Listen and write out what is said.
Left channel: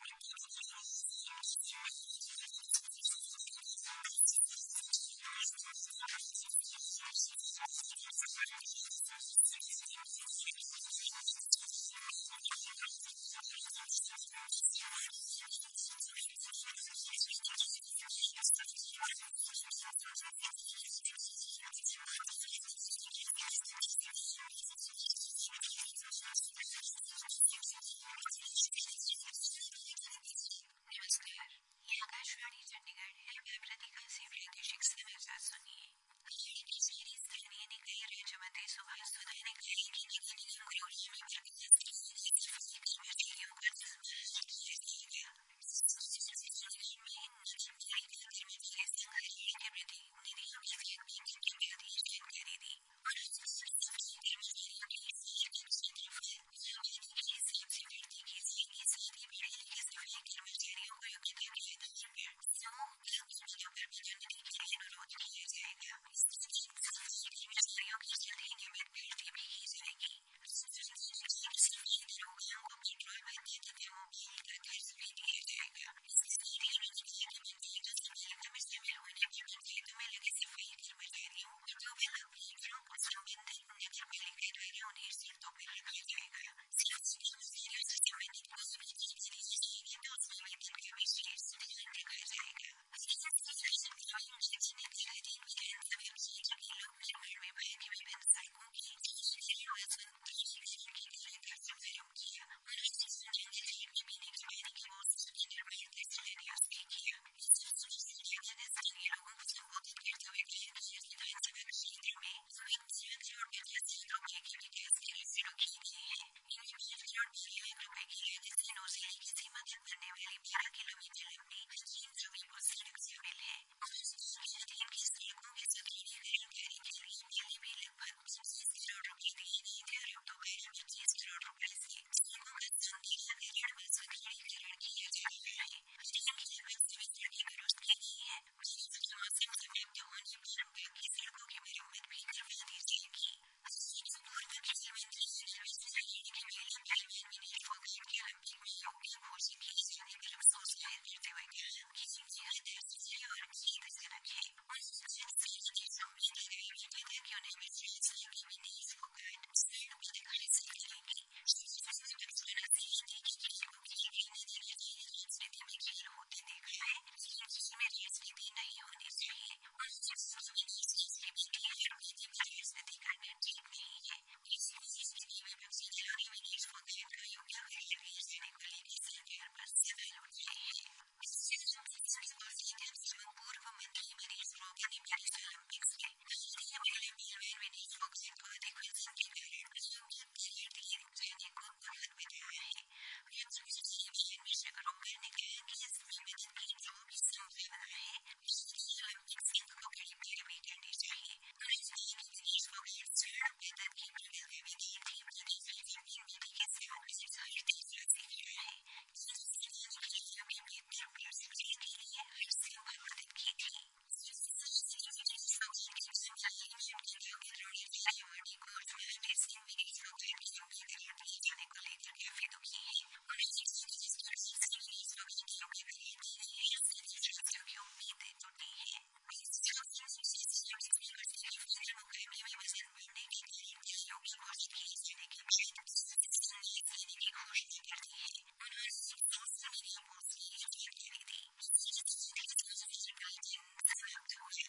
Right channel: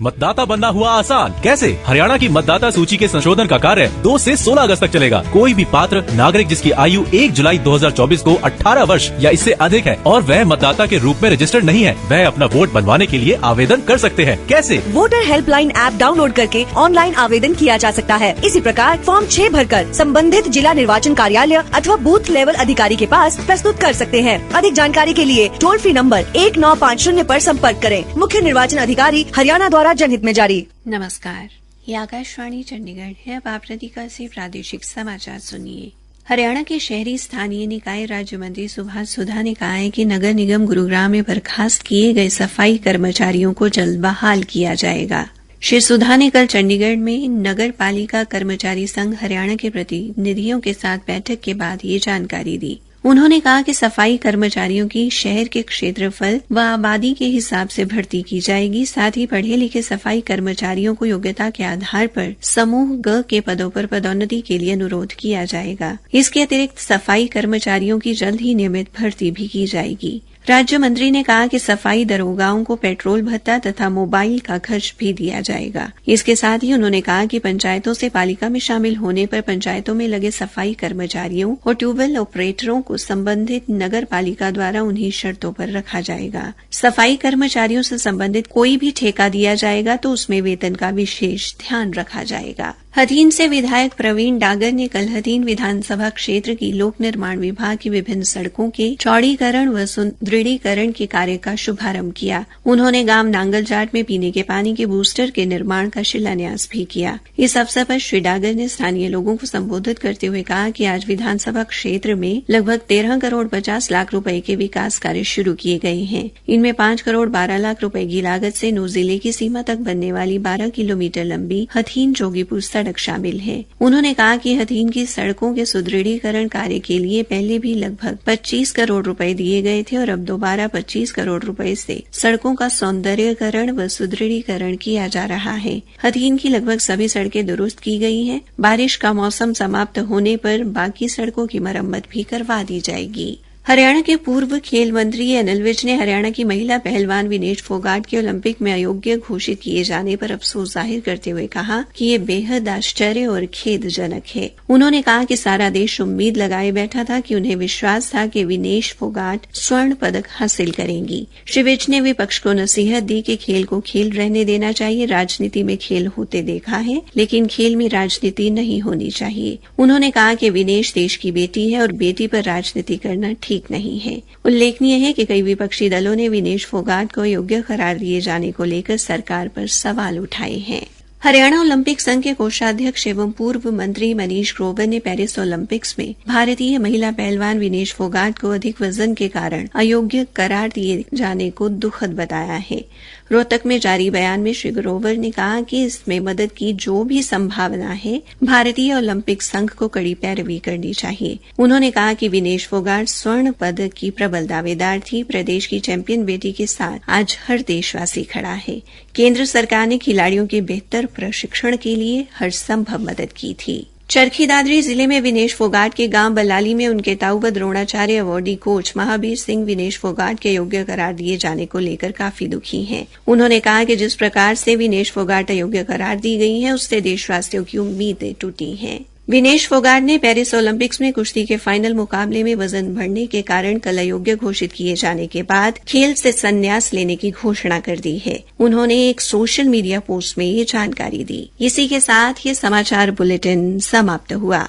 मतदाता बनना हुआ आसान। कैसे? हरियाणा की मतदाता सूची के संशोधन का कार्य 2 से 16 अगस्त तक चलेगा। कोई भी पात्र नागरिक जिसकी आयु 1 जुलाई 2024 को 18 वर्ष या इससे अधिक है और वह मतदाता के रूप में रजिस्टर्ड नहीं है, वह अपना वोट बनवाने के लिए आवेदन कर सकते हैं। कैसे? वोटर हेल्पलाइन ऐप डाउनलोड करके ऑनलाइन आवेदन किया जा सकता है। इसी प्रकार फॉर्म 6 भरकर संबंधित जिला निर्वाचन कार्यालय अथवा बूथ लेवल अधिकारी के पास प्रस्तुत कर सकते हैं। अधिक जानकारी के लिए टोल फ्री नंबर 1950 पर संपर्क करें। मुख्य निर्वाचन अधिकारी हरियाणा द्वारा जनहित में जारी। नमस्कार, ये आकाशवाणी चंडीगढ़ है। अब आप प्रतिका से प्रादेशिक समाचार सुनिए। हरियाणा के शहरी स्थानीय निकाय राज्य मंत्री सुभाष सुधा ने कहा है कि नगर निगम गुरुग्राम में बर्खास्त किए गए सफाई कर्मचारियों को जल्द बहाल किया जाएगा। श्री सुधा ने कल चंडीगढ़ में नगर पालिका कर्मचारी संघ हरियाणा के प्रतिनिधियों के साथ बैठक के बाद ये जानकारी दी। उन्होंने कहा कि सफाई कर्मचारियों की शहर के क्षेत्रफल व आबादी के हिसाब से भर्ती की जाएगी। साथ ही पढ़े लिखे सफाई कर्मचारियों को योग्यता के आधार पर समूह ग के पदों पर पदोन्नति के लिए अनुरोध किया जाएगा। इसके अतिरिक्त सफाई कर्मचारियों की जल्द ही नियमित भर्ती भी की जाएगी। राज्य मंत्री ने कहा कि सफाई दरोगाओं को पेट्रोल भत्ता तथा मोबाइल का खर्च भी दिया जाएगा। इसके साथ ही उन्होंने कहा कि पंचायतों से पालिका में शामिल होने पर पंचायतों में लगे सफाई कर्मचारियों और ट्यूबवेल ऑपरेटरों को संबंधित नगर पालिका द्वारा उन्हीं शर्तों पर रखा जाएगा। सफाई कर्मचारियों से संबंधित कोई भी ठेका दिया जाएगा तो उसमें वेतन का विशेष ध्यान रखा जाएगा। हथीन से विधायक प्रवीण डागर ने कल हथीन विधानसभा क्षेत्र की लोक निर्माण विभाग की विभिन्न सड़कों के चौड़ीकरण व सुदृढ़ीकरण के कार्य का शुभारंभ किया। उन्होंने गांव नांगलजाट में पीने के पानी के बूस्टर के निर्माण का शिलान्यास भी किया। इस अवसर पर श्री डागर ने स्थानीय लोगों को संबोधित करते हुए कहा कि आज विधानसभा क्षेत्र में लगभग 13 करोड़ 50 लाख रुपए के विकास कार्य शुरू किए गए हैं। इनमें 5 करोड़ 12 लाख रुपए की लागत से नौ जिले की सीमा तक बनने वाली 12 किलोमीटर लंबी हथीन जोगीपुर सड़क शामिल है। उन्होंने कहा कि हथीन की सड़कों के सुदृढ़ीकरण कार्य के लिए पहले भी लगभग 25 करोड़ रुपए दिए गए थे और अब दोबारा 25 करोड़ रुपए से सड़कों का सौंदर्यीकरण व सुदृढ़ीकरण किया जा रहा है। हथीन की लगभग सभी सड़कें दुरुस्त की गई हैं। बारिश का मौसम समाप्त होने पर बाकी सड़कों की मरम्मत भी करवा दी जाएगी। हरियाणा के पूर्व खेल मंत्री अनिल विज ने हरियाणा की महिला पहलवान विनेश फोगाट के ओलंपिक में अयोग्य घोषित किए जाने पर अफसोस जाहिर करते हुए कहा कि ये बेहद आश्चर्य और खेदजनक है। उन्होंने कहा कि सारा देश उम्मीद लगाए बैठा था कि उन्हें विश्वास था कि विनेश फोगाट स्वर्ण पदक हासिल करेंगी। श्री विज ने विपक्ष को नसीहत दी कि खेल को खेल रहने देना चाहिए। राजनीति में खेल होते देखा है, लेकिन खेल में राजनीति नहीं होनी चाहिए। उन्होंने कहा कि विनेश देश की बेटी है और बेटी पर राजनीति करना ठीक नहीं है। उल्लेखनीय है कि कई विपक्षी दलों ने विनेश फोगाट को योग्य करार दिए जाने को लेकर सरकार पर सवाल उठाए हैं। हरियाणा ओलंपिक संघ के कोषाध्यक्ष एवं पूर्व मंत्री मनीष ग्रोवर ने पेरिस ओलंपिक्स में भारतीय महिला पहलवान विनेश फोगाट को अधिक वजन के कारण अयोग्य करार दिए जाने को दुखद बताया है। रोहतक में जारी बयान में श्री ग्रोवर ने कहा कि इसमें मदद की जो भी संभावना है, भारतीय ओलंपिक संघ को कड़ी पैरवी करनी चाहिए। उन्होंने कहा कि विनेश फोगाट स्वर्ण पदक की प्रबल दावेदार थी। प्रदेश की चैंपियन बेटी के साथ आज हर देशवासी खड़ा है। केंद्र सरकार ने खिलाड़ियों के बेहतर प्रशिक्षण के लिए हर संभव मदद की थी। चरखी दादरी जिले में विनेश फोगाट के गांव बल्लाली में उनके ताऊ व द्रोणाचार्य अवार्डी कोच महावीर सिंह विनेश फोगाट के योग्य करार दिए जाने को लेकर काफी दुखी हैं। उन्होंने कहा कि जिस प्रकार से विनेश फोगाट अयोग्य करार दी गई है, उससे देशवासियों की उम्मीदें टूटी हैं। विनेश फोगाट ने पेरिस ओलंपिक्स में कुश्ती के फाइनल मुकाबले में वजन बढ़ने के कारण कल अयोग्य घोषित किए जाने के बाद खेल से संन्यास लेने की घोषणा कर दी है। उन्होंने एक सोशल मीडिया पोस्ट में ये जानकारी दी। इसी के साथ ये समाचार बुलेटिन समाप्त हुआ।